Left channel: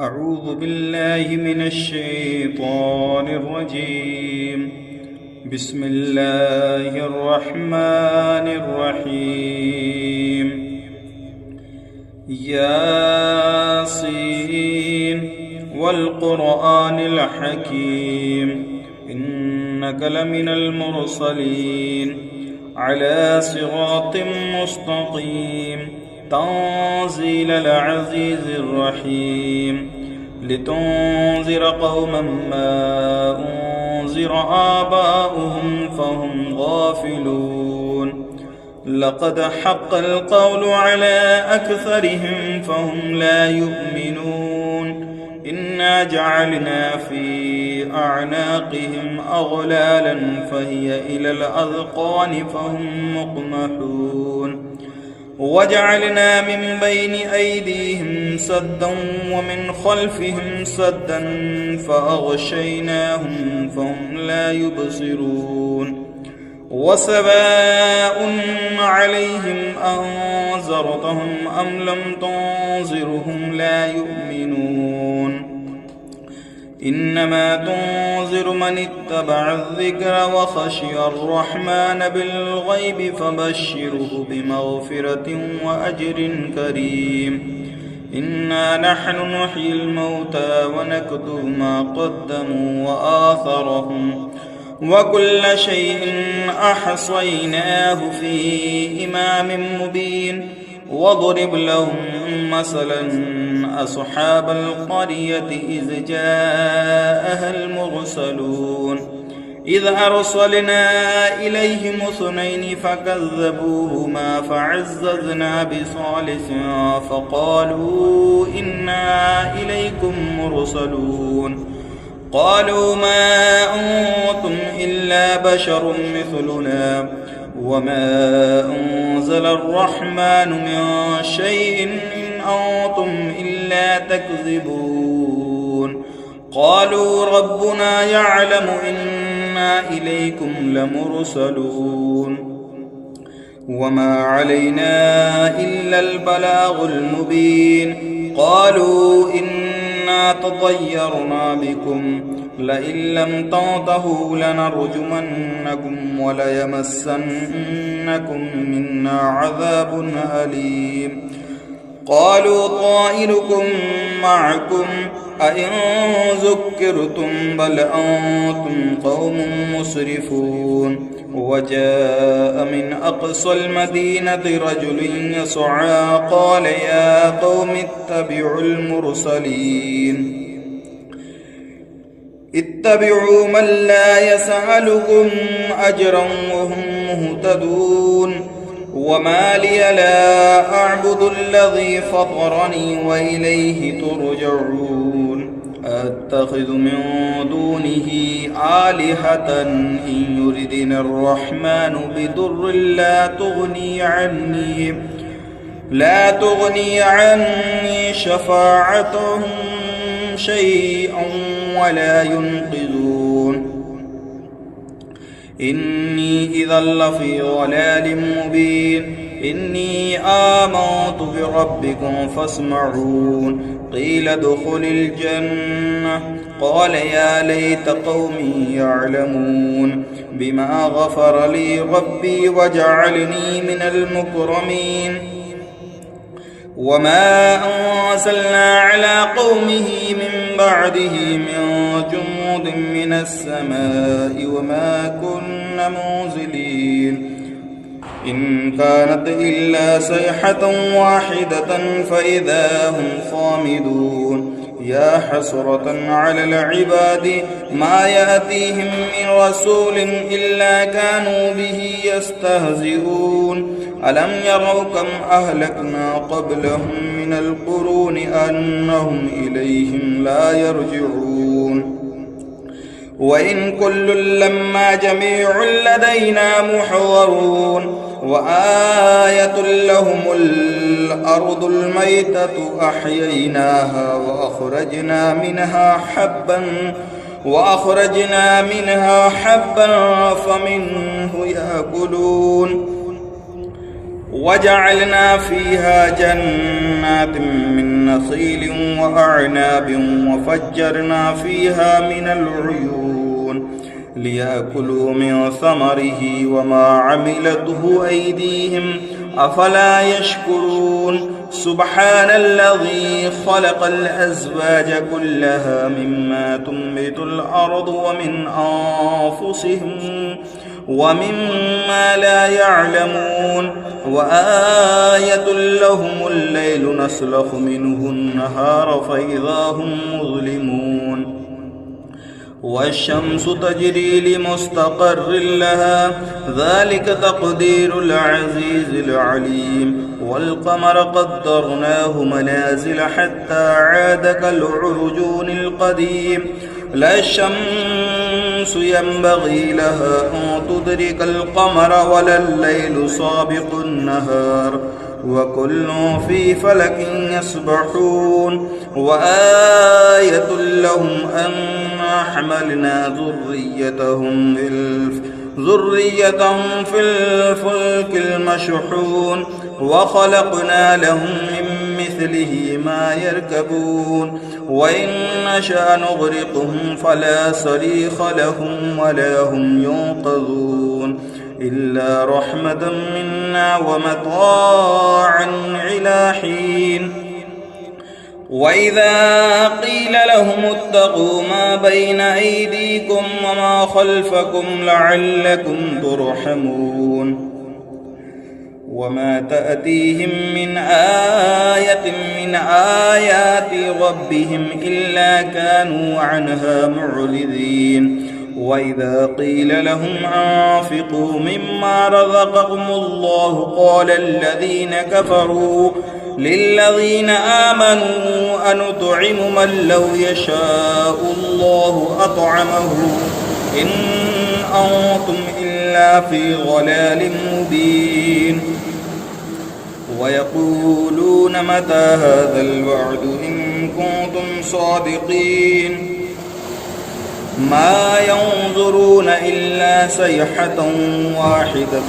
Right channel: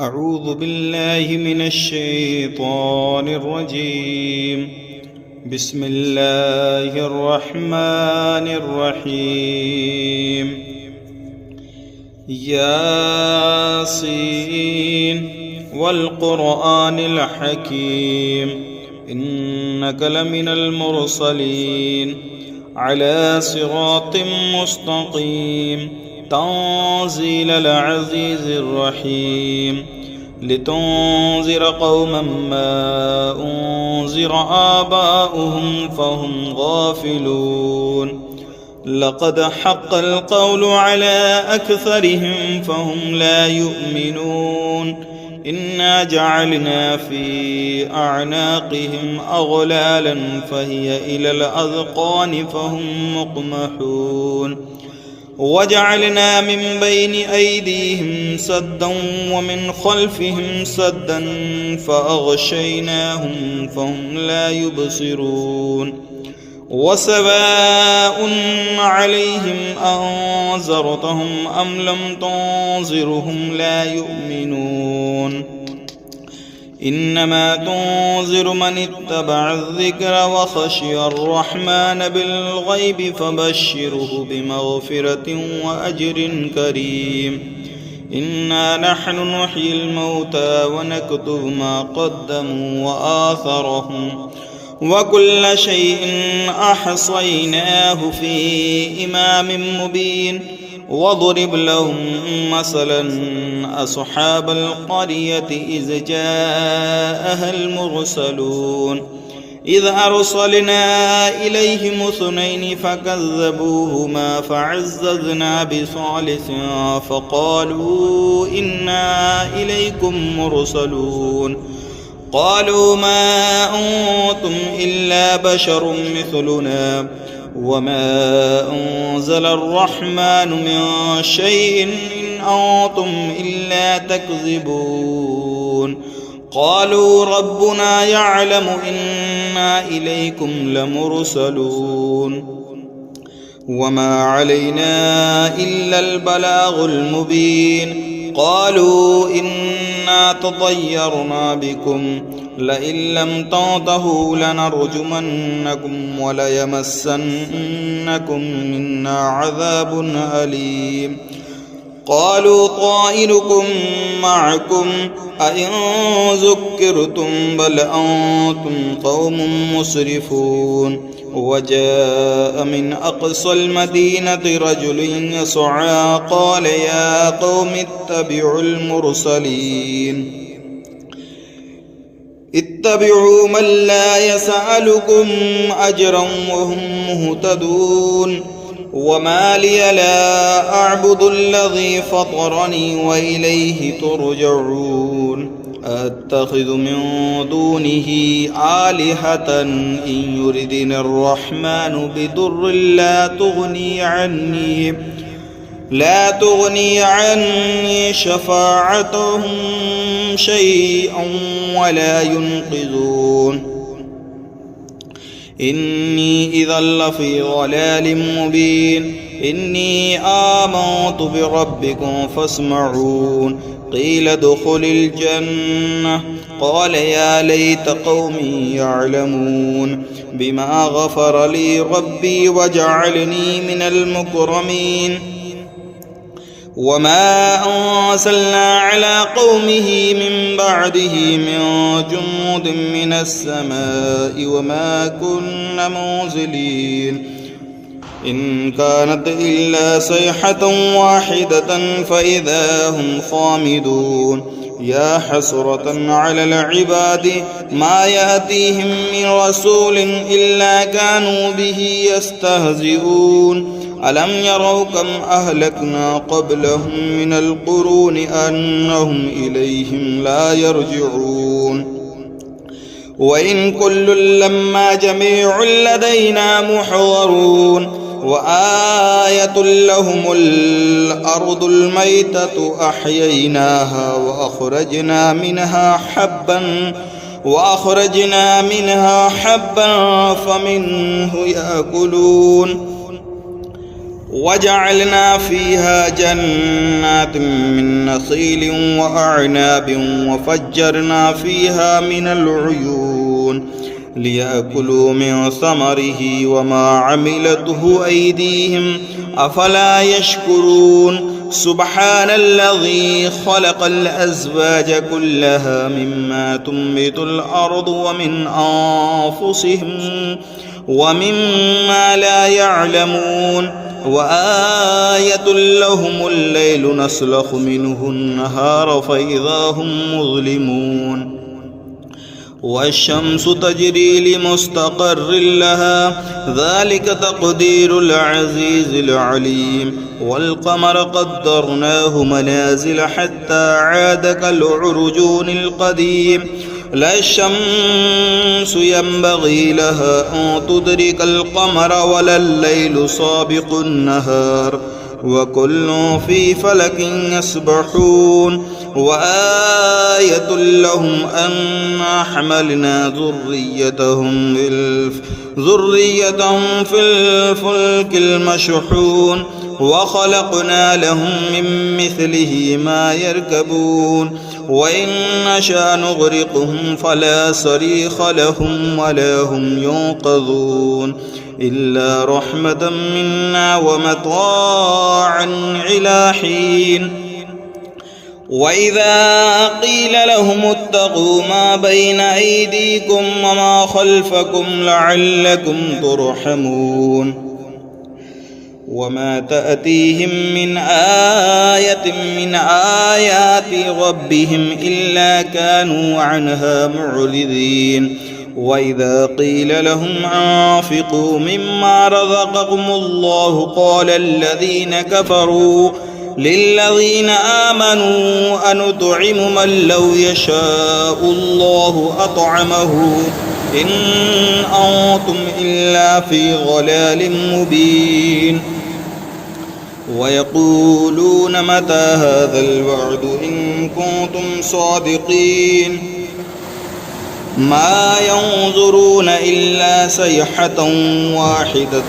أعوذ بالله من الشيطان الرجيم. بسم الله الرحمن الرحيم. ياسين والقرآن الحكيم إنك لمن المرسلين على صراط مستقيم تنزيل العزيز الرحيم لتنذر قوما ما أنذر آباؤهم فهم غافلون لقد حق القول على أكثرهم فهم لا يؤمنون إنا جعلنا في أعناقهم أغلالا فهي إلى الأذقان فهم مقمحون وجعلنا من بين أيديهم سدا ومن خلفهم سدا فأغشيناهم فهم لا يبصرون وسواء عليهم أنذرتهم أم لم تنذرهم لا يؤمنون إنما تنذر من اتبع الذكر وخشي الرحمن بالغيب فبشره بمغفرة وأجر كريم إنا نحن نحيي الموتى ونكتب ما قدموا وآثرهم وكل شيء أحصيناه في إمام مبين واضرب لهم مثلا أصحاب القرية إذ جاءها المرسلون إذ أرسلنا إليهم اثنين فكذبوهما فعززنا بثالث فقالوا إنا إليكم مرسلون قالوا ما أنتم إلا بشر مثلنا وما أنزل الرحمن من شيء إن أنتم إلا تكذبون قالوا ربنا يعلم إنا إليكم لمرسلون وما علينا إلا البلاغ المبين قالوا إنا تطيرنا بكم لئن لم تنتهوا لنرجمنكم وليمسنكم منا عذاب أليم قالوا طائركم معكم أئن ذكرتم بل أنتم قوم مسرفون وجاء من أقصى المدينة رجل يسعى قال يا قوم اتبعوا المرسلين اتبعوا من لا يسألكم أجرا وهم مهتدون وما لي لا أعبد الذي فطرني وإليه ترجعون أتخذ من دونه آلهة إن يردني الرحمن بضر لا تغني عني شفاعتهم شيئا ولا ينقذون إني إذا لفي ضلال مبين إني آمنت بربكم فاسمعون قيل ادخل الجنة قال يا ليت قومي يعلمون بما غفر لي ربي وجعلني من المكرمين وما أرسلنا على قومه من بعده من جند من السماء وما كنا منزلين إن كانت إلا صيحة واحدة فإذا هم خامدون يا حسرة على العباد ما يأتيهم من رسول إلا كانوا به يستهزئون ألم يروا كم أهلكنا قبلهم من القرون أنهم إليهم لا يرجعون وإن كل لما جميع لدينا محضرون وآية لهم الأرض الميتة أحييناها وأخرجنا منها حبا فمنه يأكلون وجعلنا فيها جنات من نخيل وأعناب وفجرنا فيها من العيون ليأكلوا من ثمره وما عملته أيديهم أفلا يشكرون سبحان الذي خلق الأزواج كلها مما تنبت الأرض ومن أنفسهم ومما لا يعلمون وآية لهم الليل نسلخ منه النهار فإذا هم مظلمون والشمس تجري لمستقر لها ذلك تقدير العزيز العليم والقمر قدرناه منازل حتى عاد كالعرجون القديم لا الشمس ينبغي لها أن تدرك القمر ولا الليل سابق النهار وكل في فلك يسبحون وآية لهم أنا حملنا ذريتهم في الفلك المشحون وخلقنا لهم من مثله ما يركبون وإن نشأ نغرقهم فلا صريخ لهم ولا هم ينقذون إلا رحمة منا ومطاعا إلى حين وإذا قيل لهم اتقوا ما بين أيديكم وما خلفكم لعلكم ترحمون وما تأتيهم من آية من آيات ربهم إلا كانوا عنها معرضين وإذا قيل لهم أنفقوا مما رزقكم الله قال الذين كفروا للذين آمنوا أنطعم من لو يشاء الله أطعمه إن أنتم إلا في ضلال مبين ويقولون متى هذا الوعد إن كنتم صادقين ما ينظرون إلا صيحة واحدة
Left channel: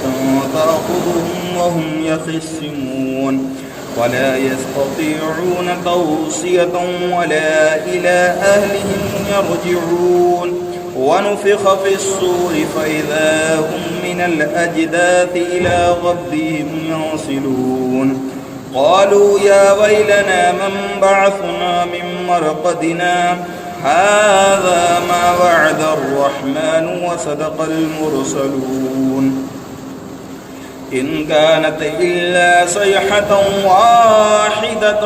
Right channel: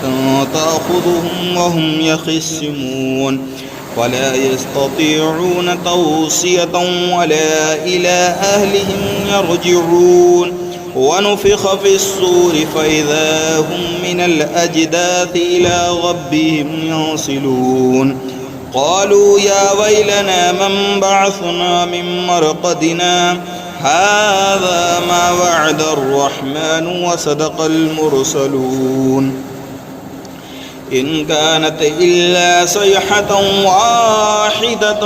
تأخذهم وهم يخصمون ولا يستطيعون توصية ولا إلى أهلهم يرجعون ونفخ في الصور فإذا هم من الأجداث إلى ربهم ينصلون قالوا يا ويلنا من بعثنا من مرقدنا هذا ما وعد الرحمن وصدق المرسلون إن كانت إلا صيحة واحدة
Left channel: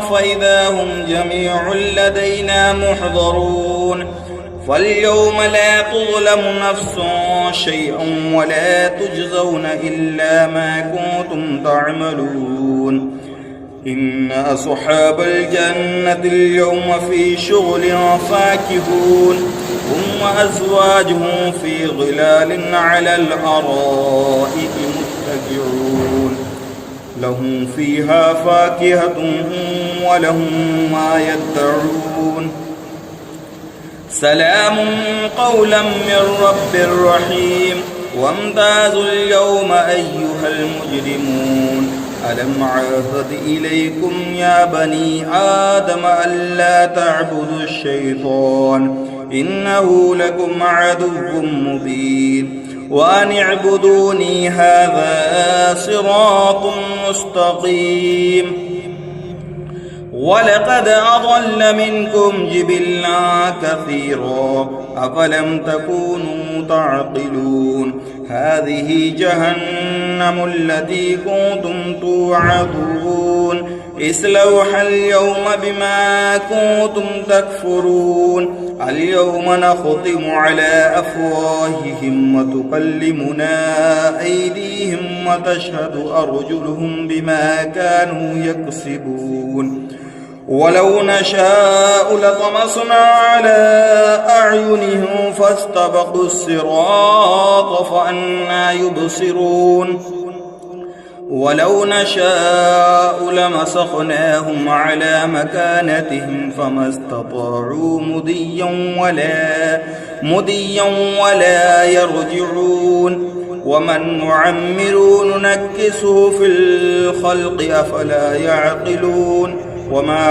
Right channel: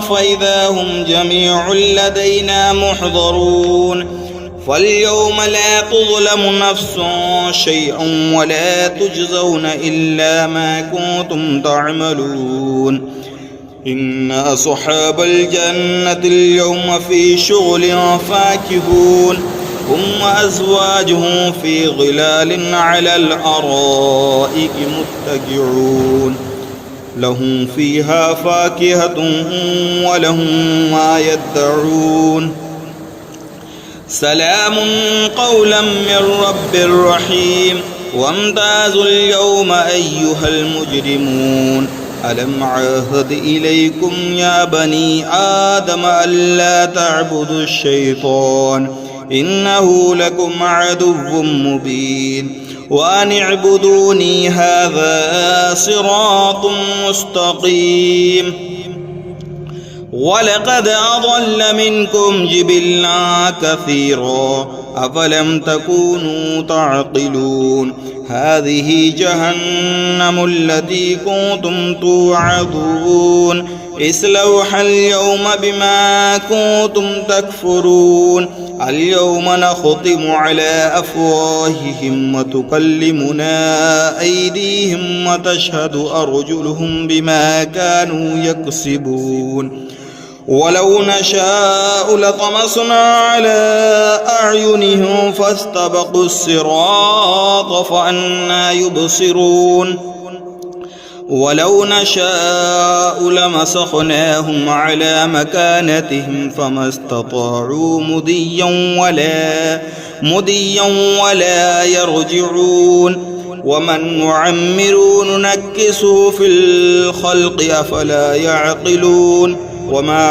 فإذا هم جميع لدينا محضرون فاليوم لا تظلم نفس شيئا ولا تجزون إلا ما كنتم تعملون إن أصحاب الجنة اليوم في شغل فاكهون هم وأزواجهم في ظلال على الأرائك متكئون لهم فيها فاكهة ولهم ما يدعون سلام قولا من رب رحيم وامتازوا اليوم أيها المجرمون ألم عاهد إليكم يا بني آدم ألا تعبدوا الشيطان إنه لكم عدو مبين وأن اعبدوني هذا صراط مستقيم ولقد أضل منكم جبلا كثيرا أفلم تكونوا تعقلون هذه جهنم التي كنتم توعدون اصلوها اليوم بما كنتم تكفرون اليوم نختم على أفواههم وتكلمنا أيديهم وتشهد أرجلهم بما كانوا يكسبون ولو نشاء لطمسنا على أعينهم فاستبقوا الصراط فأنى يبصرون ولو نشاء لمسخناهم على مكانتهم فما استطاعوا مديا ولا يرجعون ومن نعمره ننكسه في الخلق أفلا يعقلون وما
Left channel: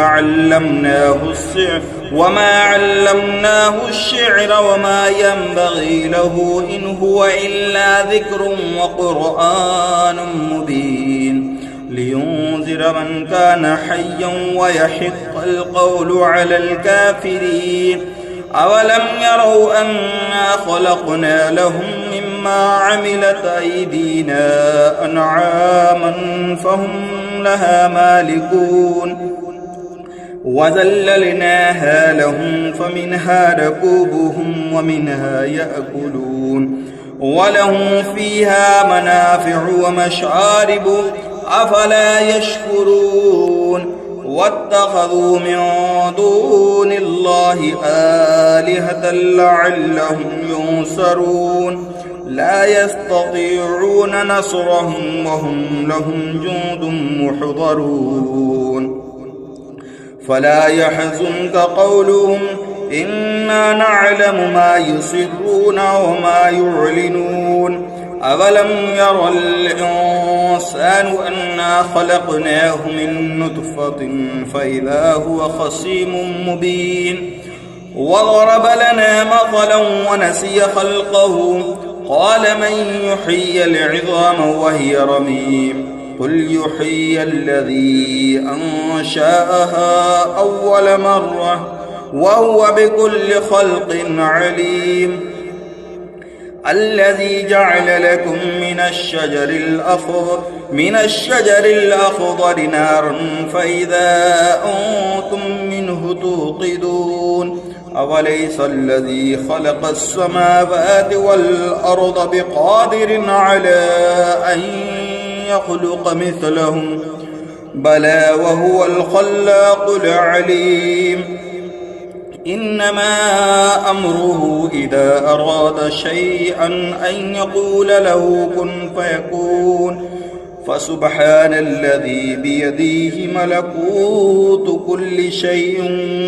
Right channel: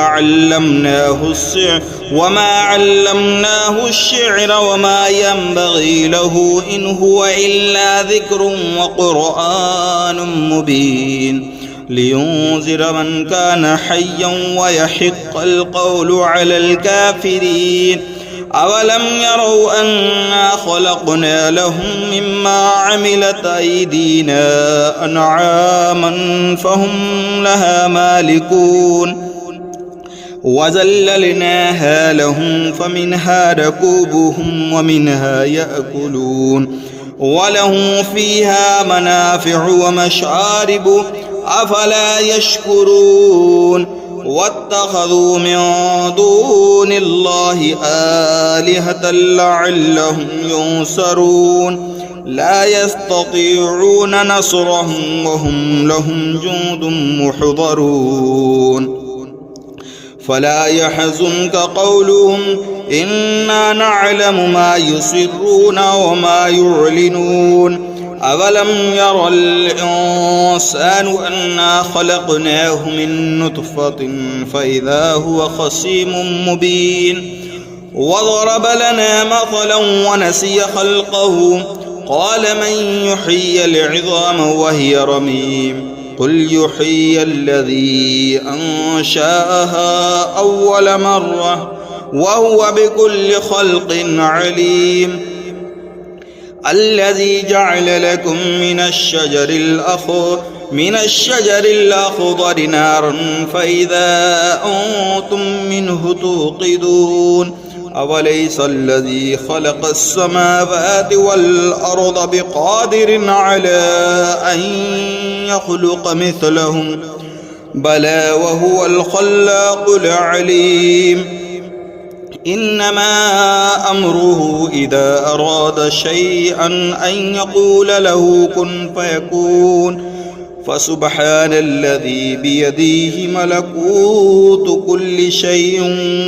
علمناه الشعر وما ينبغي له إن هو إلا ذكر وقرآن مبين لينذر من كان حيا ويحق القول على الكافرين أولم يروا أنا خلقنا لهم مما عملت أيدينا أنعاما فهم لها مالكون وذللناها لهم فمنها ركوبهم ومنها يأكلون ولهم فيها منافع ومشارب أفلا يشكرون واتخذوا من دون الله آلهة لعلهم ينصرون لا يستطيعون نصرهم وهم لهم جند محضرون فلا يحزنك قولهم إنا نعلم ما يسرون وما يعلنون أولم ير الإنسان أنا خلقناه من نطفة فإذا هو خصيم مبين وضرب لنا مثلا ونسي خلقه قال من يحيي العظام وهي رميم قل يحيي الذي أنشأها أول مرة وهو بكل خلق عليم الذي جعل لكم من الشجر الأخضر نارا فإذا أنتم منه توقدون أوليس الذي خلق السماوات والأرض بقادر على أن يخلق مثلهم بلى وهو الخلاق العليم إنما أمره إذا أراد شيئا أن يقول له كن فيكون فسبحان الذي بيده ملكوت كل شيء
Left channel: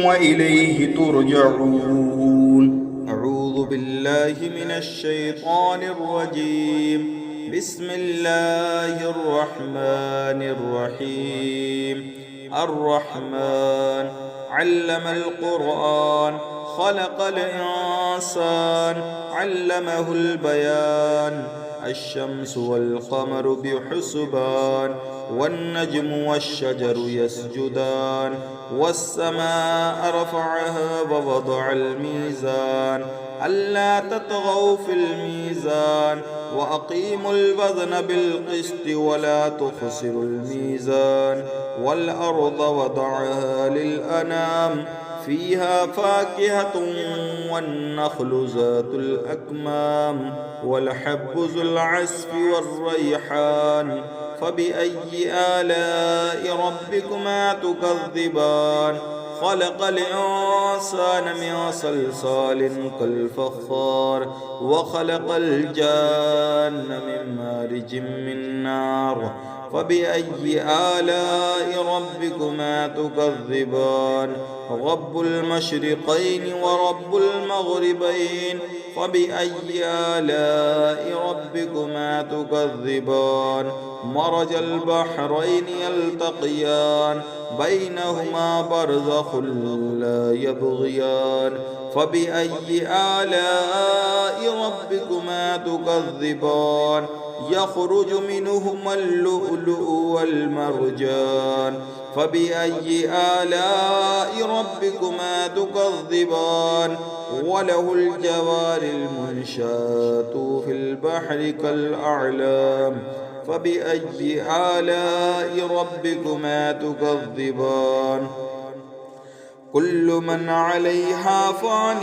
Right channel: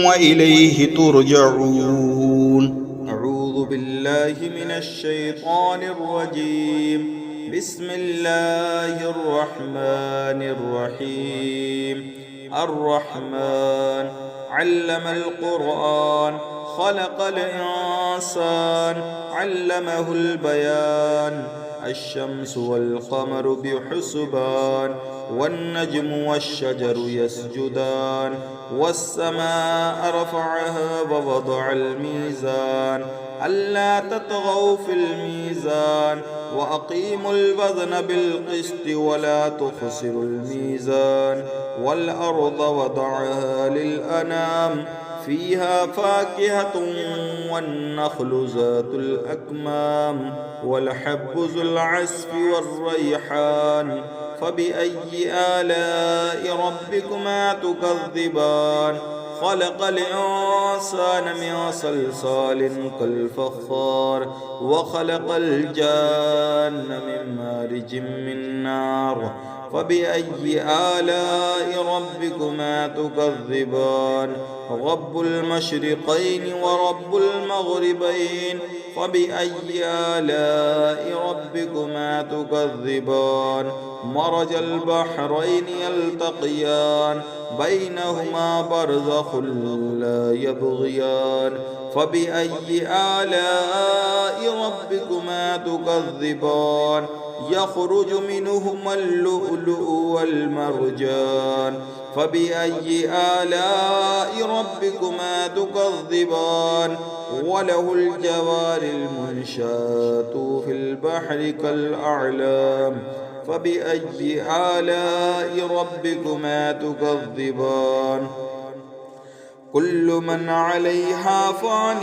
وإليه ترجعون أعوذ بالله من الشيطان الرجيم بسم الله الرحمن الرحيم الرحمن علم القرآن خلق الإنسان علمه البيان الشمس والقمر بحسبان والنجم والشجر يسجدان والسماء رفعها ووضع الميزان ألا تطغوا في الميزان وأقيموا الوزن بالقسط ولا تخسروا الميزان والأرض وضعها للأنام فيها فاكهة والنخل ذات الأكمام والحب ذو العصف والريحان فبأي آلاء ربكما تكذبان خلق الإنسان من صلصال كالفخار وخلق الجان من مارج من نار فبأي آلاء ربكما تكذبان رب المشرقين ورب المغربين فبأي آلاء ربكما تكذبان مرج البحرين يلتقيان بينهما برزخ لا يبغيان فبأي آلاء ربكما تكذبان يخرج منهما اللؤلؤ والمرجان فبأي آلاء ربكما تكذبان وله الجوار المنشآت في البحر كالأعلام فبأي آلاء ربكما تكذبان كل من عليها فان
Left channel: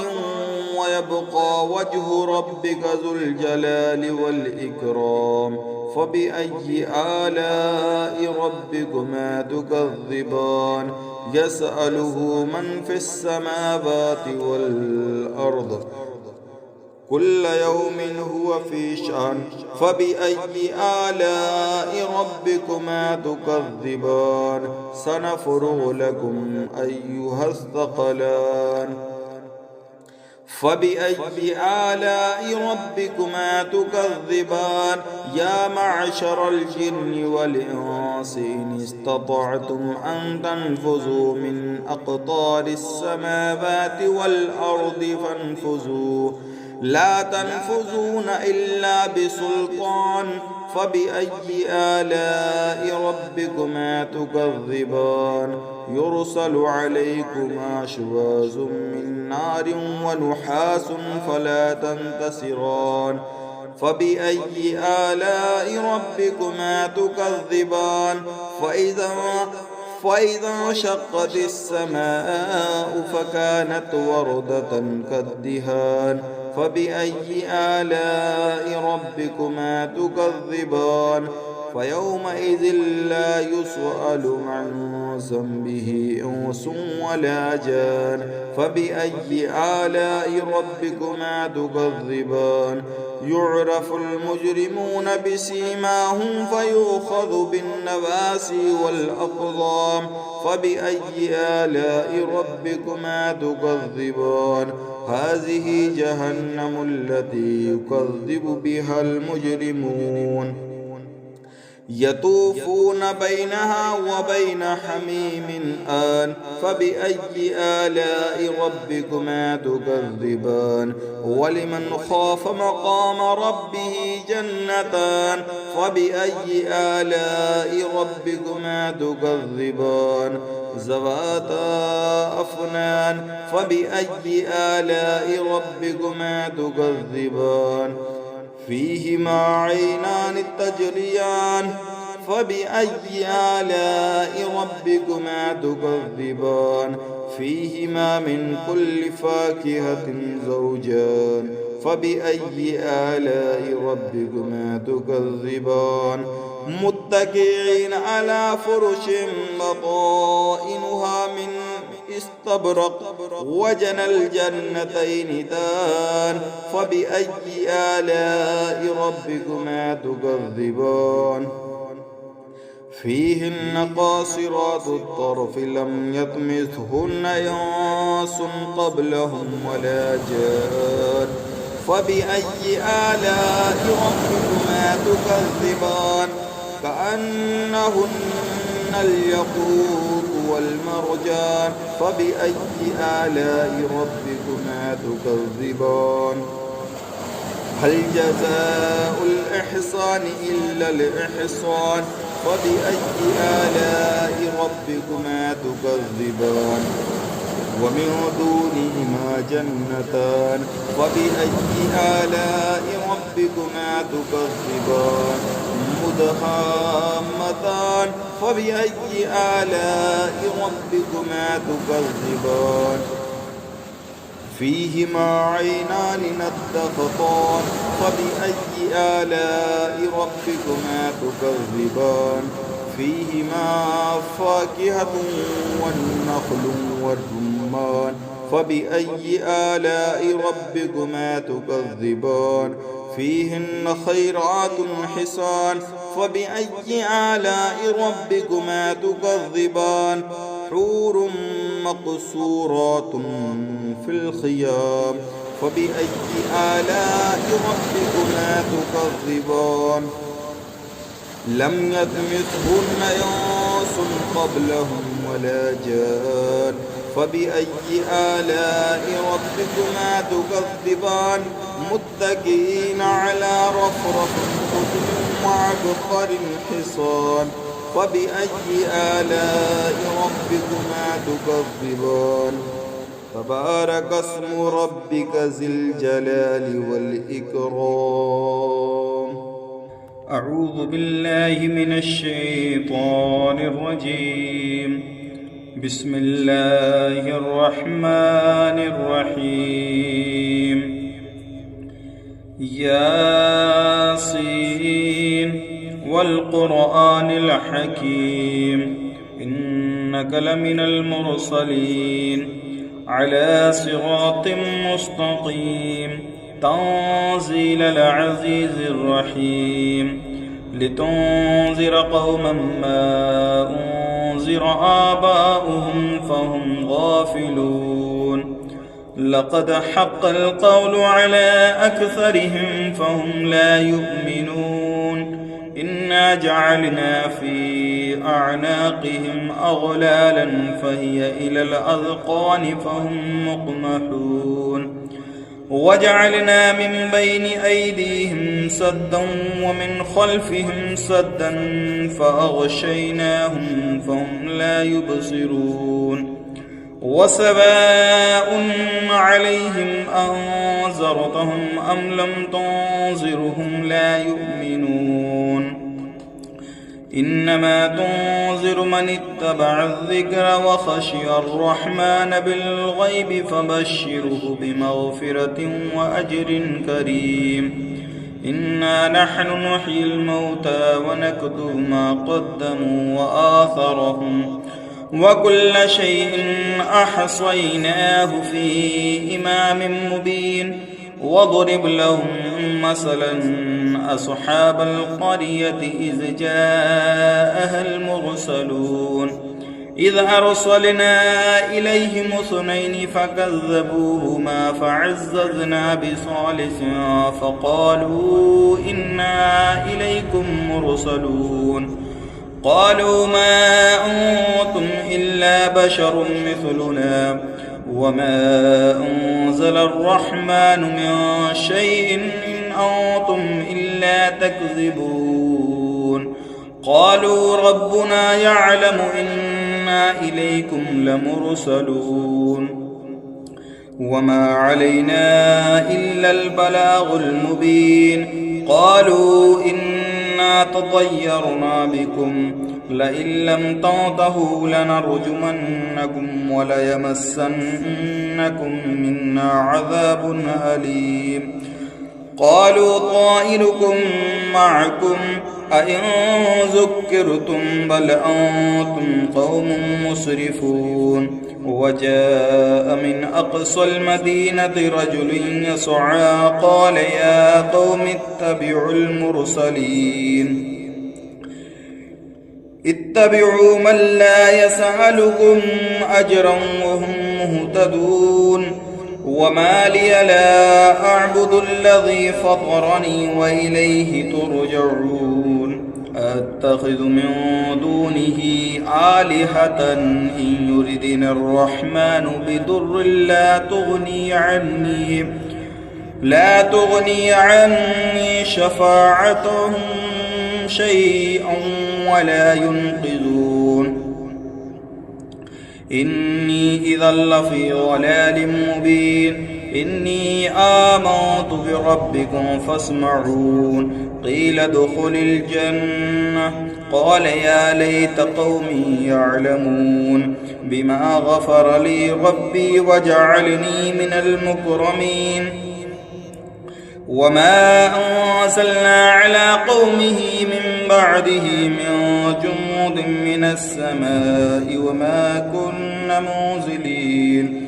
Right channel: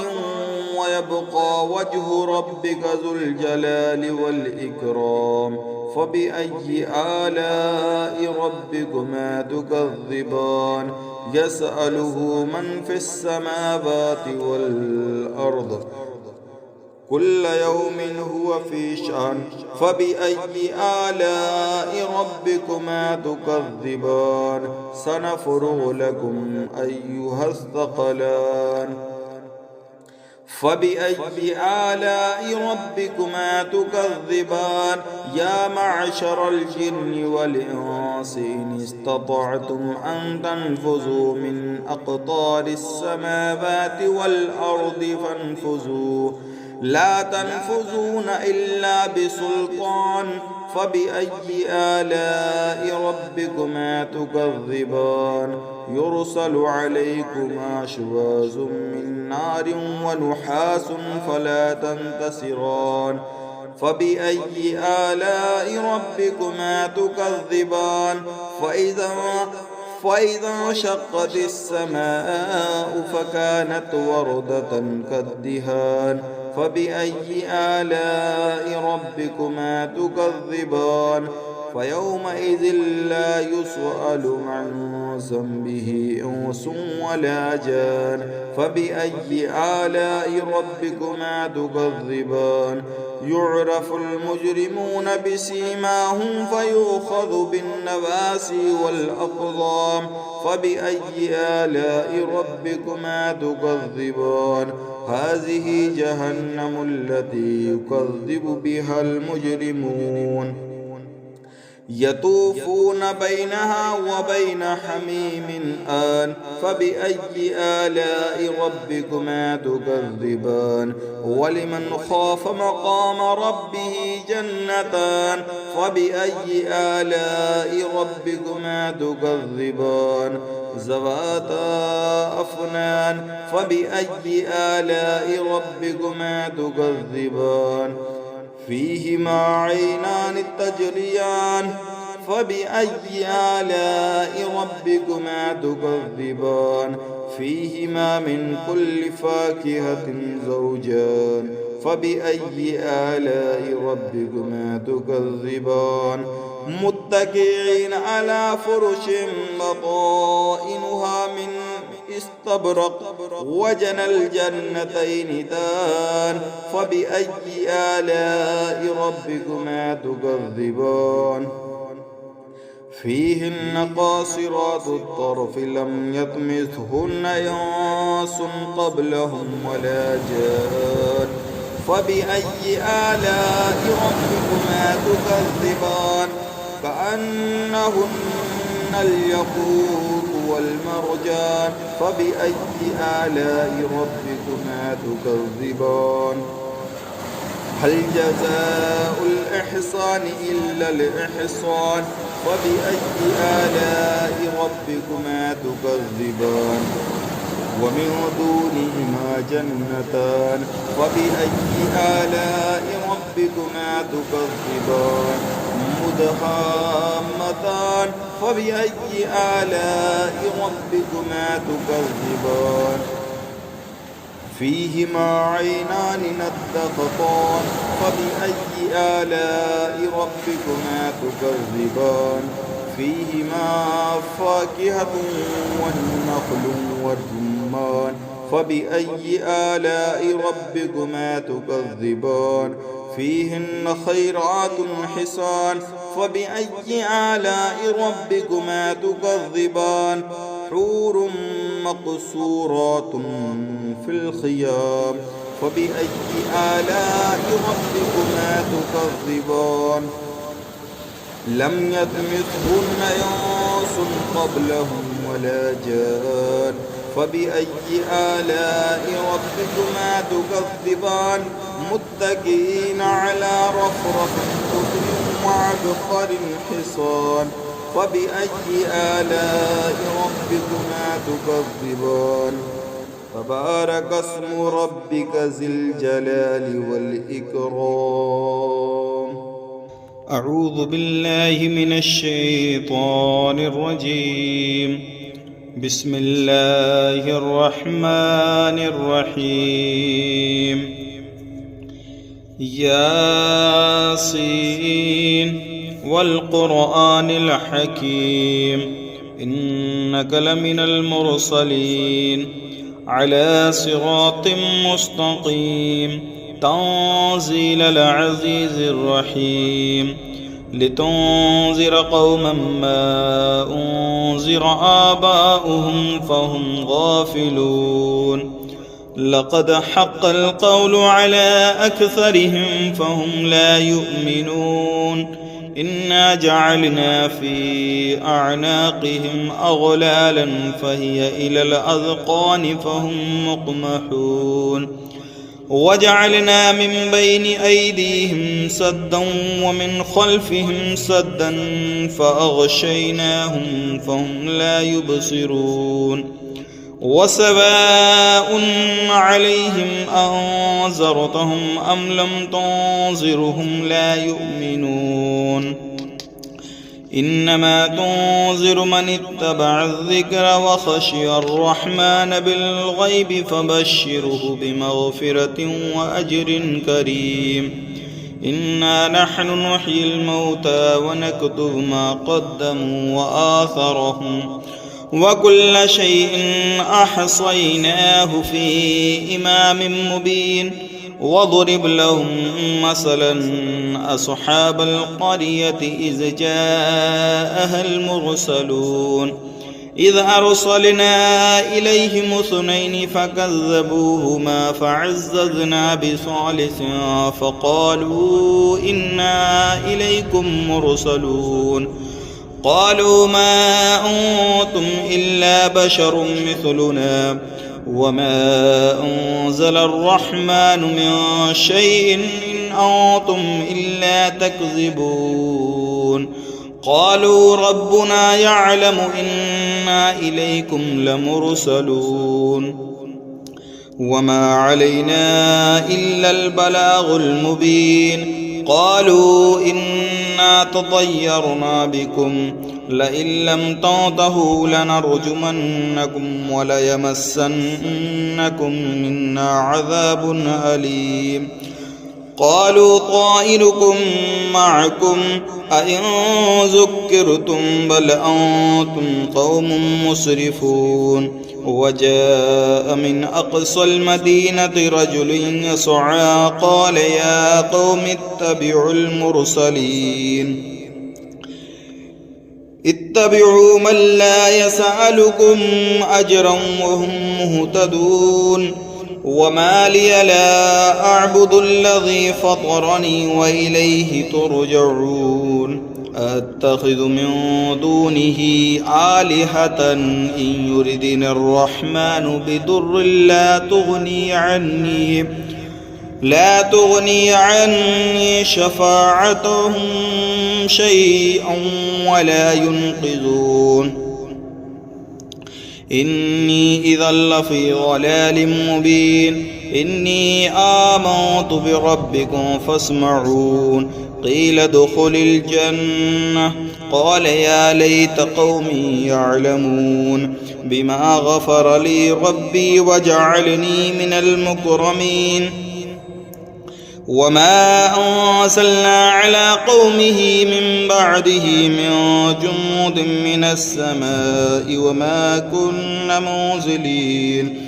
ويبقى وجه ربك ذو الجلال والإكرام فبأي آلاء ربكما تكذبان يسأله من في السماوات والأرض كل يوم هو في شأن فبأي آلاء ربكما تكذبان سنفرغ لكم أيها الثقلان فبأي آلاء ربكما تكذبان يا معشر الجن والإنس إن استطعتم أن تنفذوا من أقطار السماوات والأرض فانفذوا لا تنفذون إلا بسلطان فبأي آلاء ربكما تكذبان يرسل عليكما شواظ من نار ونحاس فلا تنتصران فبأي آلاء ربكما تكذبان فإذا انشقت السماء فكانت وردة كالدهان فبأي آلاء ربكما تكذبان فيومئذ لا يسأل عن ذنبه إنس ولا جان فبأي آلاء ربكما تكذبان يعرف المجرمون بسيماهم فيؤخذ بالنواسي والأقدام فبأي آلاء ربكما تكذبان هذه جهنم التي يكذب بها المجرمون يطوفون بينها وبين حميم آن فبأي آلاء ربكما تكذبان ولمن خاف مقام ربه جنتان فبأي آلاء ربكما تكذبان ذواتا أفنان فبأي آلاء ربكما تكذبان فيهما عينان تجريان فبأي آلاء ربكما تكذبان فيهما من كل فاكهة زوجان فبأي آلاء ربكما تكذبان متكئين على فرش بطائنها من استبرق وجنى الجنتين دان فبأي آلاء ربكما تكذبان فيهن قاصرات الطرف لم يطمثهن إنس قبلهم ولا جان فبأي آلاء ربكما تكذبان كأنهن الياقوت والمرجان فبأي آلاء ربكما تكذبان هل جزاء الإحسان إلا الإحسان فبأي آلاء ربكما تكذبان ومن دونهما جنتان فبأي آلاء ربكما تكذبان مدهامتان فبأي آلاء ربكما تكذبان فيهما عينان نضختان فبأي آلاء ربكما تكذبان فيهما فاكهة والنخل والرمان فبأي آلاء ربكما تكذبان فيهن خيرات حسان فبأي آلاء ربكما تكذبان حور مقصورات في الخيام فبأي آلاء ربكما تكذبان لم يطمثهن إنس قبلهم ولا جان فبأي آلاء ربكما تكذبان متكئين على رفرف خضر وعبقر حصان فبأي آلاء ربكما تكذبان تبارك اسم ربك ذي الجلال والإكرام أعوذ بالله من الشيطان الرجيم بسم الله الرحمن الرحيم ياسين والقرآن الحكيم إنك لمن المرسلين على صراط مستقيم تنزيل العزيز الرحيم لتنذر قوما ما أنذر آباؤهم فهم غافلون لقد حق القول على أكثرهم فهم لا يؤمنون إنا جعلنا في أعناقهم أغلالا فهي إلى الأذقان فهم مقمحون وجعلنا من بين أيديهم سدا ومن خلفهم سدا فأغشيناهم فهم لا يبصرون وسواء عليهم أنذرتهم أم لم تنذرهم لا يؤمنون إنما تنذر من اتبع الذكر وخشي الرحمن بالغيب فبشره بمغفرة وأجر كريم إنا نحن نحيي الموتى ونكتب ما قدموا وآثرهم وكل شيء أحصيناه في إمام مبين واضرب لهم مثلا أصحاب القرية إذ جاءها المرسلون إذ أرسلنا إليهم اثنين فكذبوهما فعززنا بثالث فقالوا إنا إليكم مرسلون قالوا ما أنتم إلا بشر مثلنا وما أنزل الرحمن من شيء إن أنتم إلا تكذبون قالوا ربنا يعلم إنا إليكم لمرسلون وما علينا إلا البلاغ المبين قالوا إنا تطيرنا بكم لئن لم تنتهوا لنرجمنكم وليمسنكم منا عذاب أليم قالوا طائركم معكم أئن ذكرتم بل أنتم قوم مسرفون وجاء من أقصى المدينة رجل يسعى قال يا قوم اتبعوا المرسلين اتبعوا من لا يسألكم أجرا وهم مهتدون وما لي لا أعبد الذي فطرني وإليه ترجعون أتخذ من دونه آلهة إن يردني الرحمن بضر لا تغني عني شفاعتهم شيئا ولا ينقذون إني إذا لفي ضلال مبين إني آمنت بربكم فاسمعون قيل ادخل الجنة قال يا ليت قومي يعلمون بما غفر لي ربي وجعلني من المكرمين وما أرسلنا على قومه من بعده من جند من السماء وما كنا منزلين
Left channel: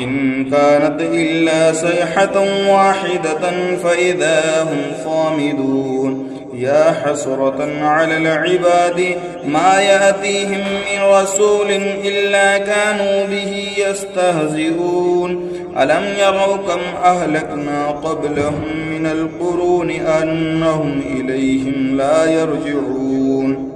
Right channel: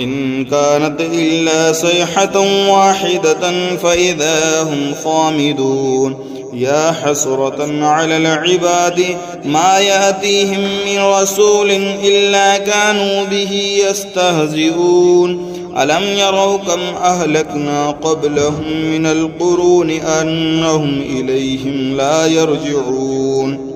إن كانت إلا صيحة واحدة فإذا هم صامدون يا حسرة على العباد ما يأتيهم من رسول إلا كانوا به يستهزئون ألم يروا كم أهلكنا قبلهم من القرون أنهم إليهم لا يرجعون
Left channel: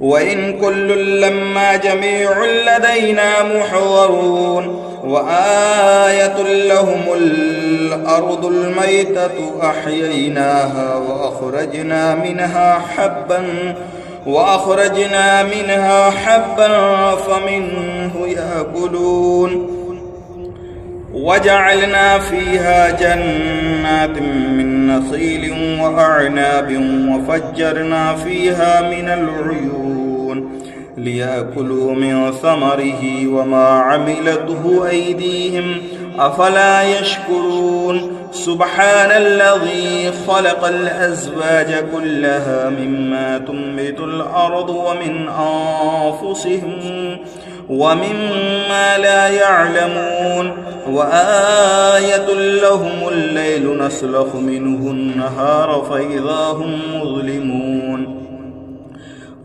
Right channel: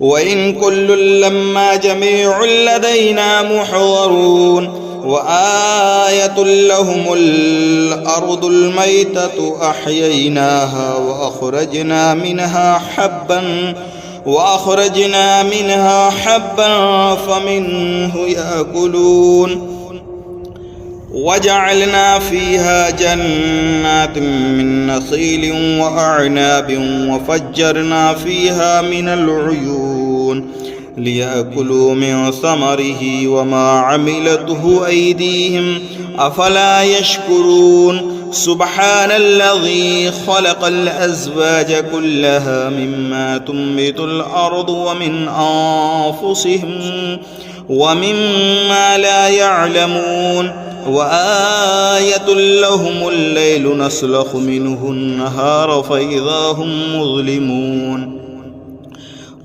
وإن كل لما جميع لدينا محضرون وآية لهم الأرض الميتة أحييناها وأخرجنا منها حبا فمنه يأكلون وجعلنا فيها جنات من نخيل وأعناب وفجرنا فيها من العيون ليأكلوا من ثمره وما عملته أيديهم أفلا يشكرون سبحان الذي خلق الأزواج كلها مما تنبت الأرض ومن أنفسهم ومما لا يعلمون وآية لهم الليل نسلخ منه النهار فإذا هم مظلمون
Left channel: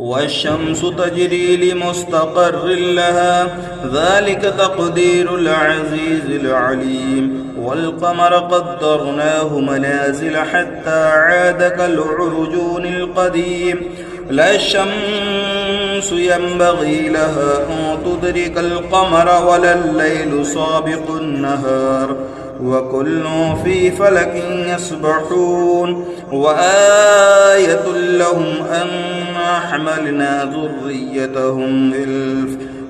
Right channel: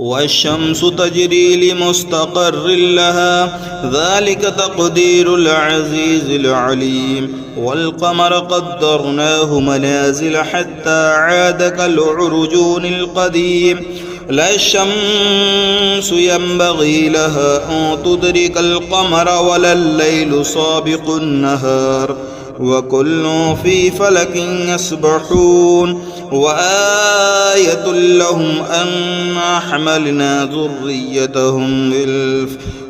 والشمس تجري لمستقر لها ذلك تقدير العزيز العليم والقمر قدرناه منازل حتى عاد كالعرجون القديم لا الشمس ينبغي لها أن تدرك القمر ولا الليل سابق النهار وكل في فلك يسبحون وآية لهم أنا حملنا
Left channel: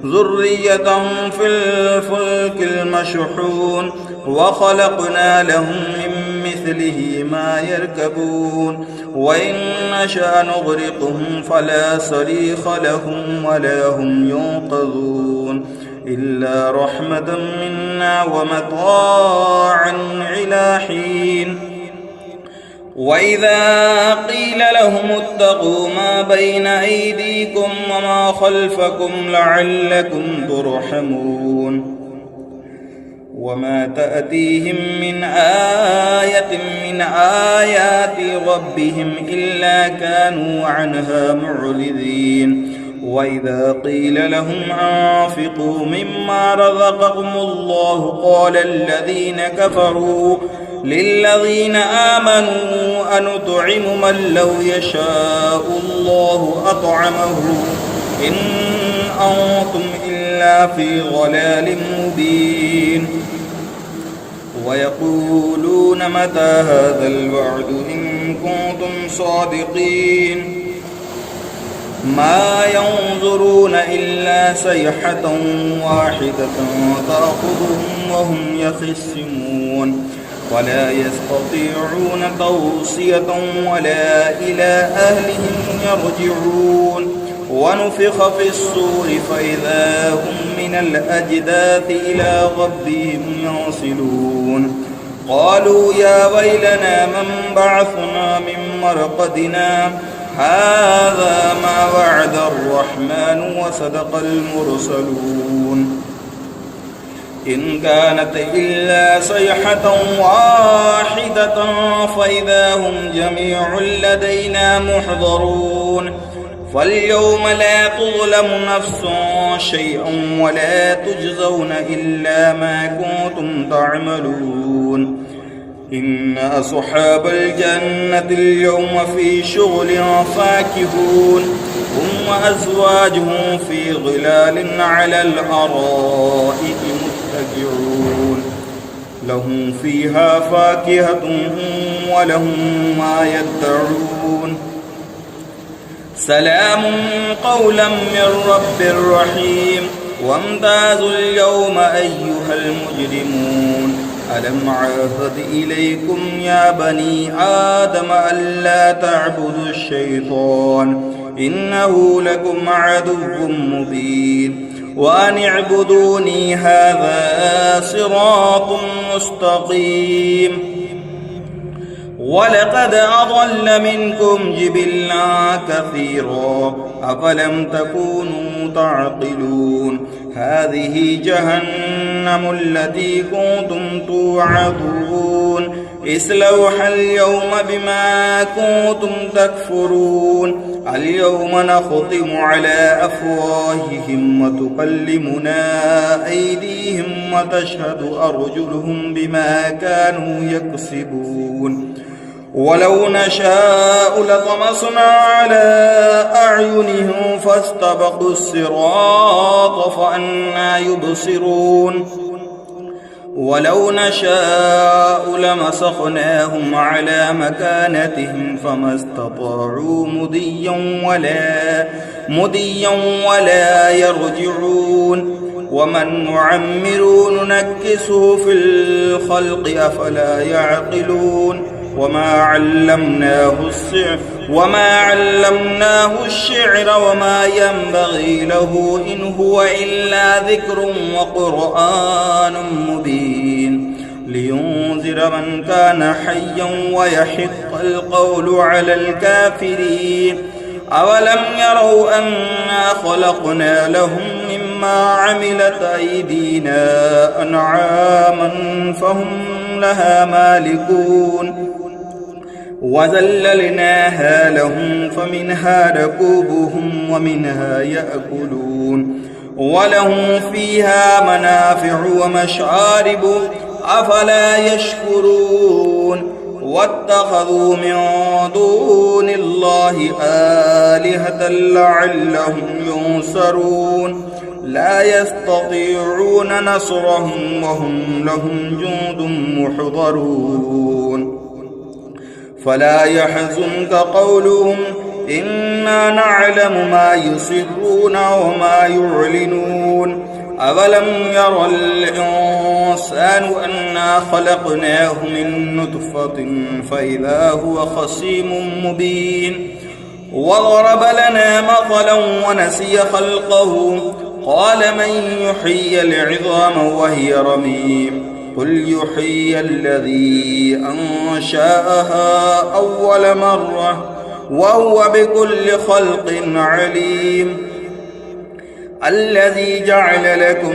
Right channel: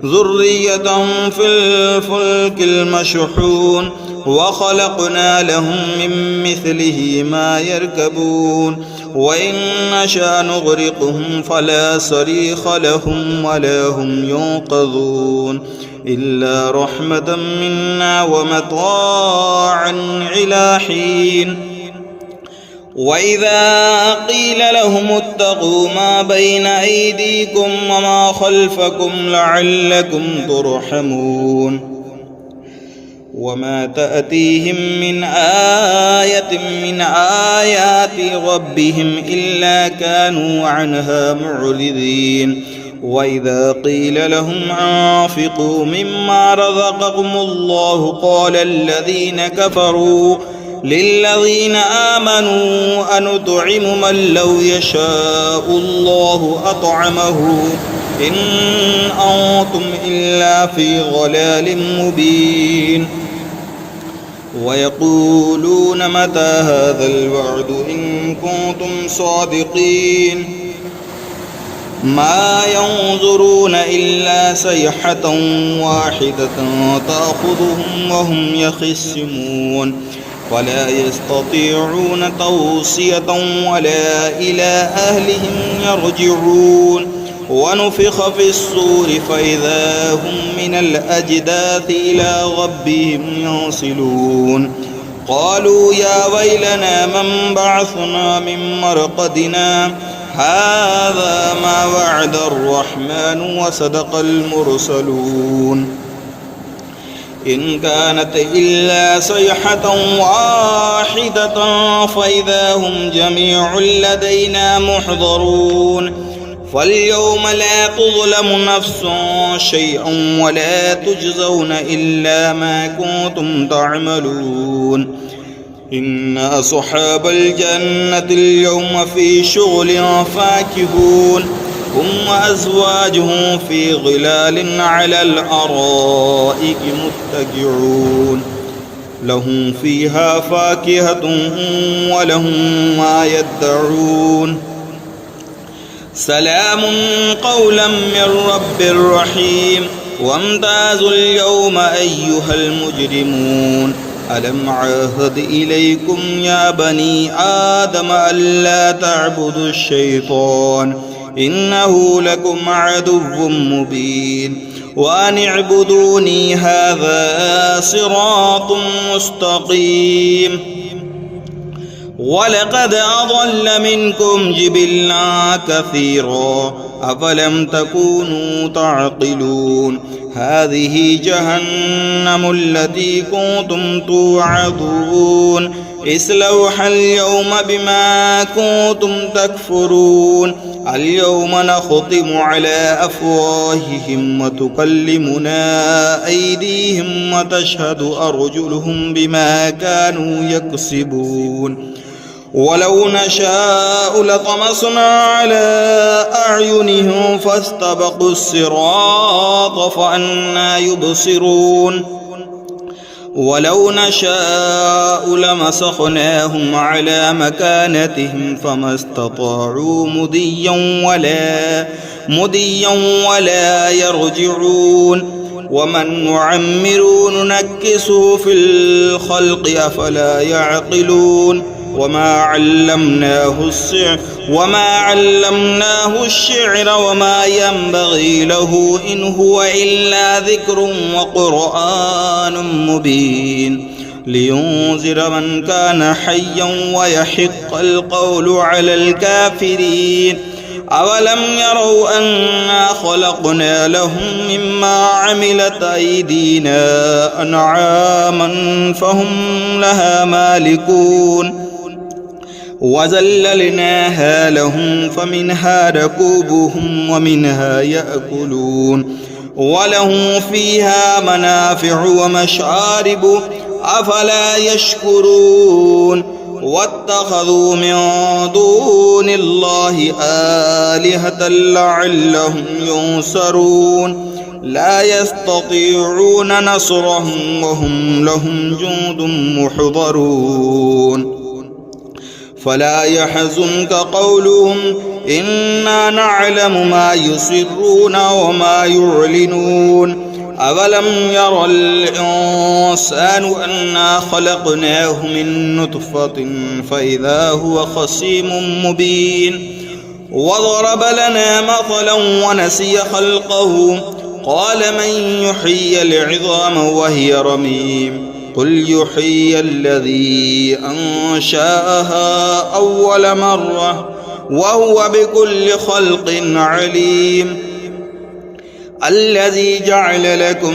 ذريتهم في الفلك المشحون وخلقنا لهم من مثله ما يركبون وإن نشأ نغرقهم فلا صريخ لهم ولا هم ينقذون إلا رحمة منا ومتاعا إلى حين وإذا قيل لهم اتقوا ما بين أيديكم وما خلفكم لعلكم ترحمون وما تأتيهم من آية من آيات ربهم إلا كانوا عنها معرضين وإذا قيل لهم أنفقوا مما رزقكم الله قال الذين كفروا للذين آمنوا أنطعم من لو يشاء الله أطعمه إن أنتم إلا في ضلال مبين ويقولون متى هذا الوعد إن كنتم صادقين ما ينظرون إلا صيحة واحدة تأخذهم وهم يخصمون ولا يستطيعون توصية ولا إلى أهلهم يرجعون ونفخ في الصور فإذا هم من الأجداث إلى ربهم ينصلون قالوا يا ويلنا من بعثنا من مرقدنا هذا ما وعد الرحمن وصدق المرسلون إن كانت إلا صيحة واحدة فإذا هم جميع لدينا محضرون فاليوم لا تظلم نفس شيئا ولا تجزون إلا ما كنتم تعملون إن أصحاب الجنة اليوم في شغل فاكهون هم وأزواجهم في ظلال على الأرائك متكئون لهم فيها فاكهة ولهم ما يدعون سلام قولا من رب رحيم وامتازوا اليوم أيها المجرمون ألم عاهد إليكم يا بني آدم ألا تعبدوا الشيطان إنه لكم عدو مبين وأن اعبدوني هذا صراط مستقيم ولقد أضل منكم جبلا كثيرا أفلم تكونوا تعقلون هذه جهنم التي كنتم توعدون اصلوها اليوم بما كنتم تكفرون اليوم نختم على أفواههم وتكلمنا أيديهم وتشهد أرجلهم بما كانوا يكسبون ولو نشاء لطمسنا على أعينهم فاستبقوا الصراط فأنى يبصرون ولو نشاء لمسخناهم على مكانتهم فما استطاعوا مديا ولا يرجعون ومن نعمر ننكسه في الخلق أفلا يعقلون وما علمناه الشعر وما ينبغي له إن هو إلا ذكر وقرآن مبين لينذر من كان حيا ويحق القول على الكافرين أولم يروا أنا خلقنا لهم مما عملت أيدينا أنعاما فهم لها مالكون وذللناها لهم فمنها ركوبهم ومنها يأكلون ولهم فيها منافع ومشارب أفلا يشكرون واتخذوا من دون الله آلهة لعلهم ينصرون لا يستطيعون نصرهم وهم لهم جند محضرون فلا يحزنك قولهم إنا نعلم ما يسرون وما يعلنون أولم ير الإنسان أنا خلقناه من نطفة فإذا هو خصيم مبين وضرب لنا مثلا ونسي خلقه قال من يحيي العظام وهي رميم قل يحيي الذي أنشأها أول مرة وهو بكل خلق عليم الذي جعل لكم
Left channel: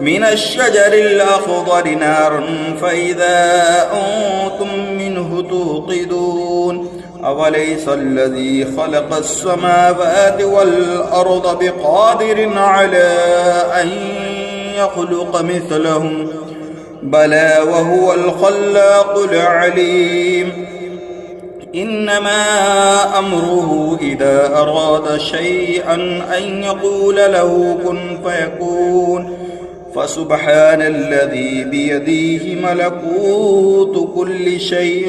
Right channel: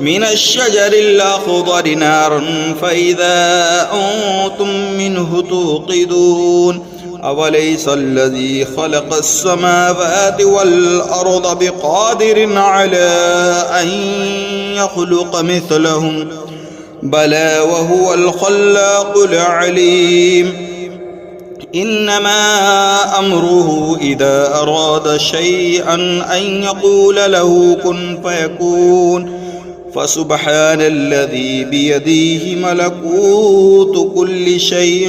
من الشجر الأخضر نارا فإذا أنتم منه توقدون أوليس الذي خلق السماوات والأرض بقادر على أن يخلق مثلهم بلى وهو الخلاق العليم إنما أمره إذا أراد شيئا أن يقول له كن فيكون فسبحان الذي بيده ملكوت كل شيء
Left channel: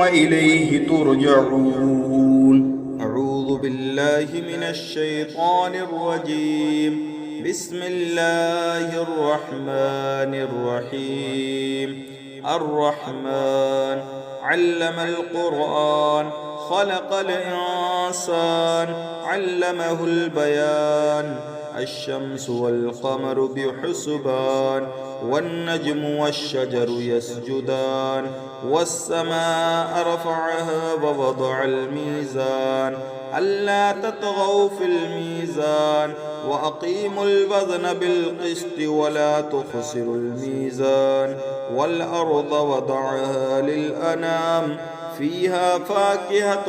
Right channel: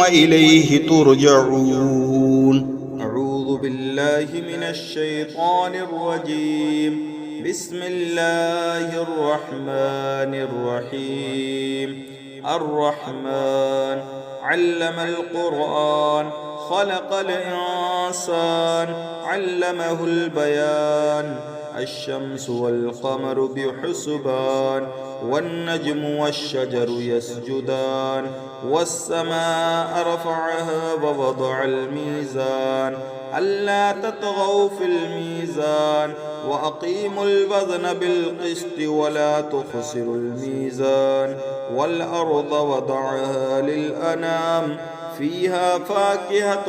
وإليه ترجعون. أعوذ بالله من الشيطان الرجيم. بسم الله الرحمن الرحيم. الرحمن علم القرآن خلق الإنسان علمه البيان الشمس والقمر بحسبان والنجم والشجر يسجدان والسماء رفعها ووضع الميزان ألا تطغوا في الميزان وأقيموا الوزن بالقسط ولا تخسروا الميزان والأرض وضعها للأنام فيها فاكهة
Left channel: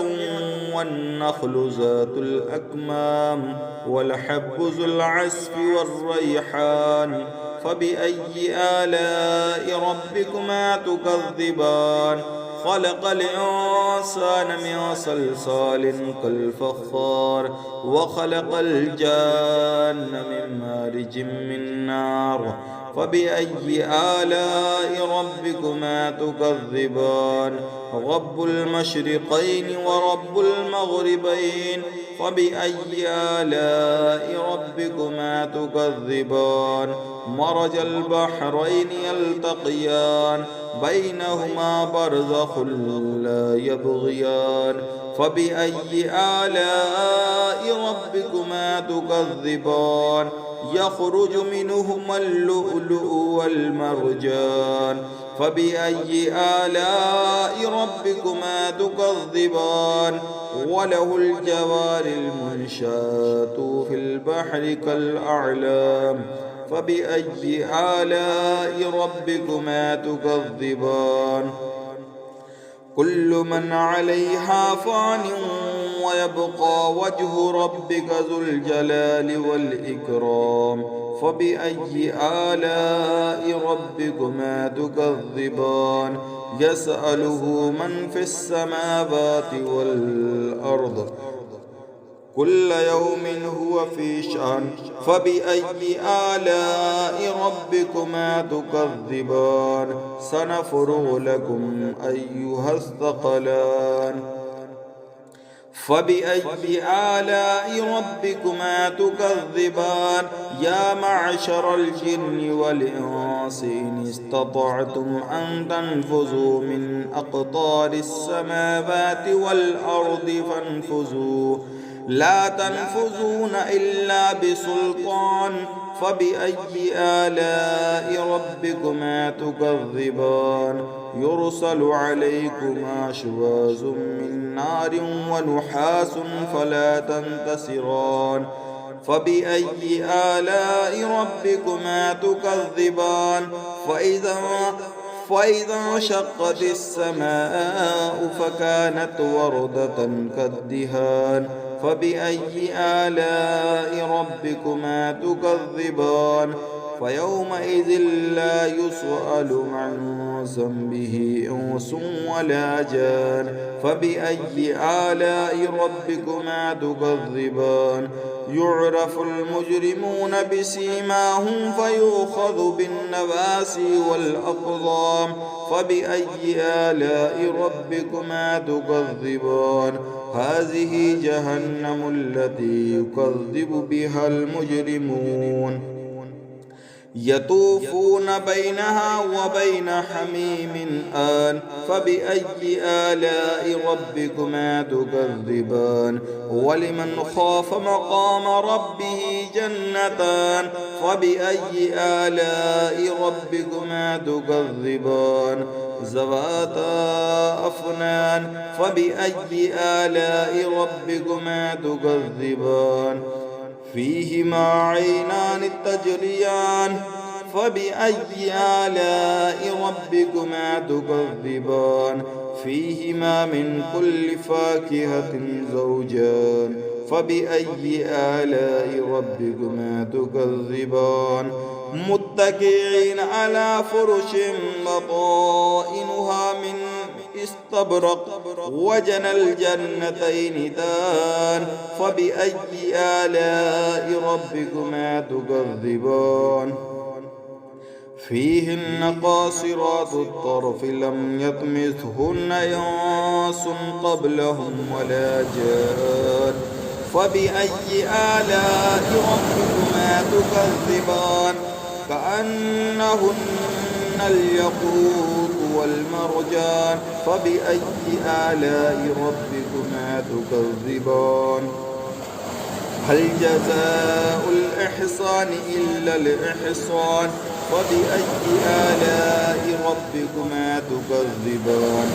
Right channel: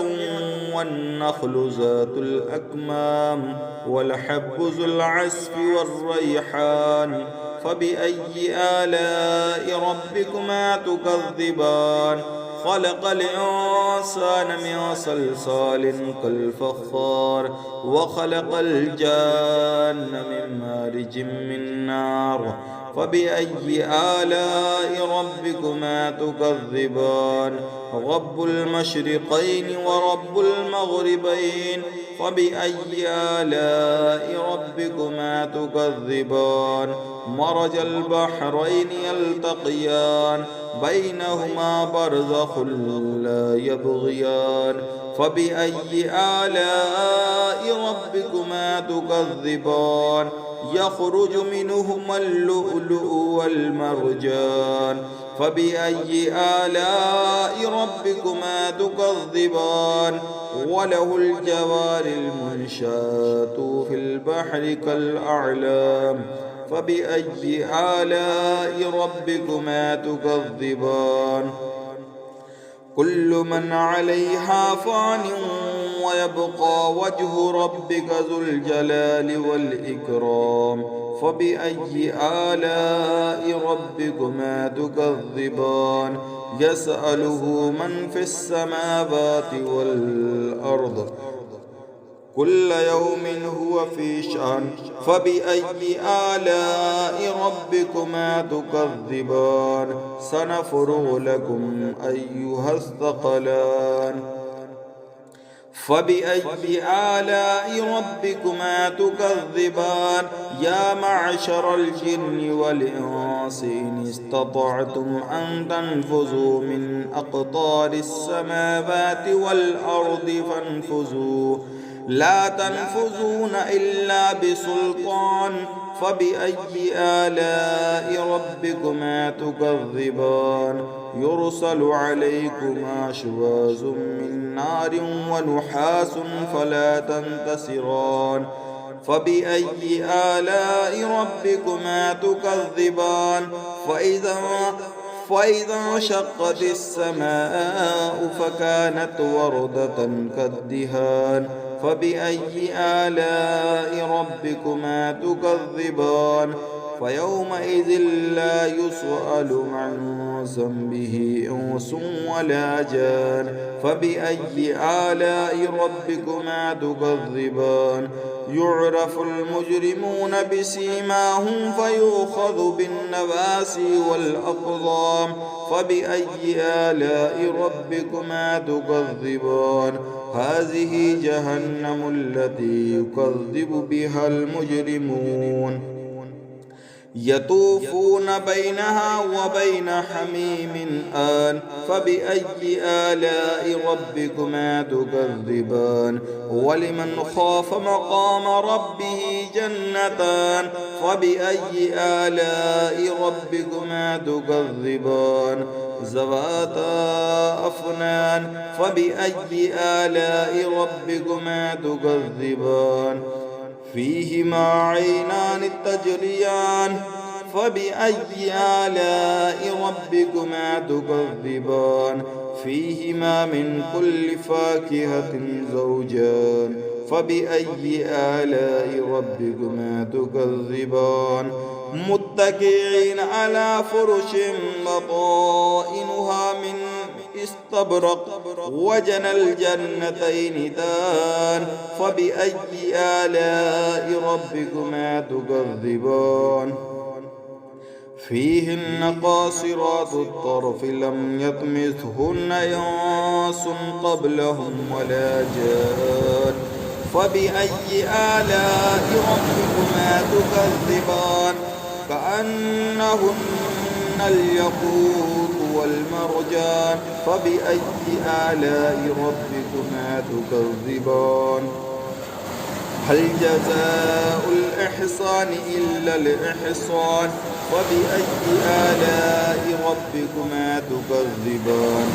والنخل ذات الأكمام والحب ذو العصف والريحان فبأي آلاء ربكما تكذبان خلق الإنسان من صلصال كالفخار وخلق الجان من مارج من نار فبأي آلاء ربكما تكذبان رب المشرقين ورب المغربين فبأي آلاء ربكما تكذبان مرج البحرين يلتقيان بينهما برزخ لا يبغيان فبأي آلاء ربكما تكذبان يخرج منهما اللؤلؤ والمرجان فبأي آلاء ربكما تكذبان وله الجوار المنشآت في البحر كالأعلام فبأي آلاء ربكما تكذبان كل من عليها فان ويبقى وجه ربك ذو الجلال والإكرام فبأي آلاء ربكما تكذبان يسأله من في السماوات والأرض كل يوم هو في شأن فبأي آلاء ربكما تكذبان سنفرغ لكم أيها الثقلان فبأي آلاء ربكما تكذبان يا معشر الجن والإنس إن استطعتم أن تنفذوا من أقطار السماوات والأرض فانفذوا لا تنفذون إلا بسلطان فبأي آلاء ربكما تكذبان يرسل عليكما شواظ من نار ونحاس فلا تنتصران فبأي آلاء ربكما تكذبان فإذا انشقت السماء فكانت وردة كالدهان فبأي آلاء ربكما تكذبان فيومئذ لا يسأل عن ذنبه إنس ولا جان فبأي آلاء ربكما تكذبان يعرف المجرمون بسيماهم فيؤخذ بالنواسي والأقدام فبأي آلاء ربكما تكذبان هذه جهنم التي يكذب بها المجرمون يطوفون بينها وبين حميم آن فبأي آلاء ربكما تكذبان ولمن خاف مقام ربه جنتان فبأي آلاء ربكما تكذبان ذواتا أفنان فبأي آلاء ربكما تكذبان فيهما عينان تجريان فبأي آلاء ربكما تكذبان فيهما من كل فاكهة زوجان فبأي آلاء ربكما تكذبان متكئين على فرش بطائنها من استبرق وجنى الجنتين دان فبأي آلاء ربكما تكذبان فيهن قاصرات الطرف لم يطمثهن إنس قبلهم ولا جان فبأي آلاء ربكما تكذبان كأنهن الياقوت والمرجان فبأي آلاء ربكما تكذبان هل جزاء الإحسان إلا الإحسان فبأي آلاء ربكما تكذبان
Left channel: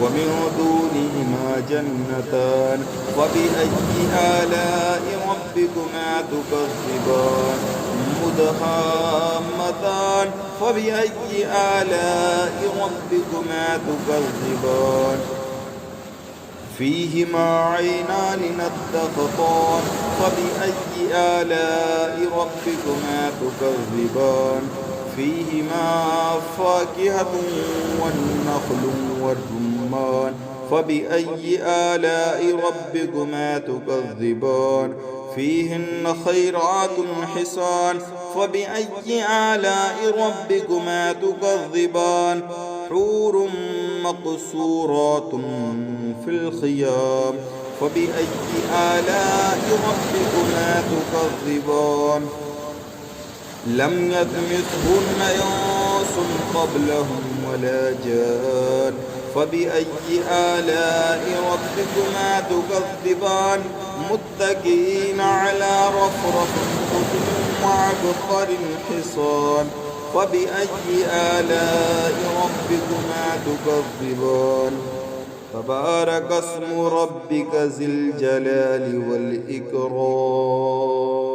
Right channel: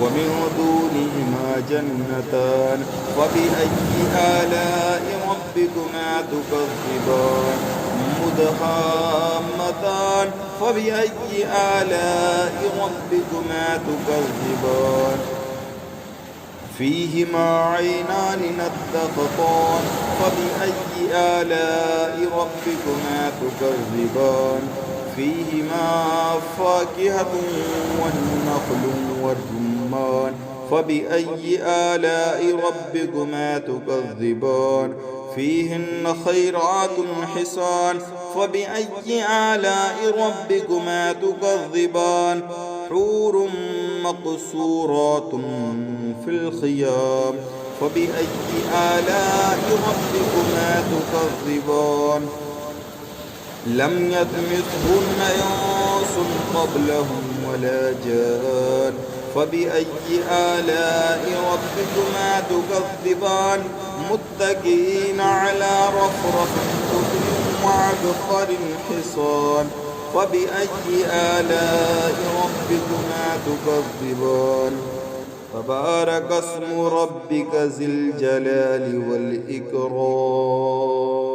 ومن دونهما جنتان فبأي آلاء ربكما تكذبان مدهامتان فبأي آلاء ربكما تكذبان فيهما عينان نضختان فبأي آلاء ربكما تكذبان فيهما فاكهة والنخل والرمان فبأي آلاء ربكما تكذبان فيهن خيرات حسان فبأي آلاء ربكما تكذبان حور مقصورات في الخيام فبأي آلاء ربكما تكذبان لم يطمثهن إنس قبلهم ولا جان فبأي آلاء ربكما تكذبان متكئين على رفرف خضر وعبقر حصان فبأي آلاء ربكما تكذبان تبارك اسم ربك ذي الجلال والإكرام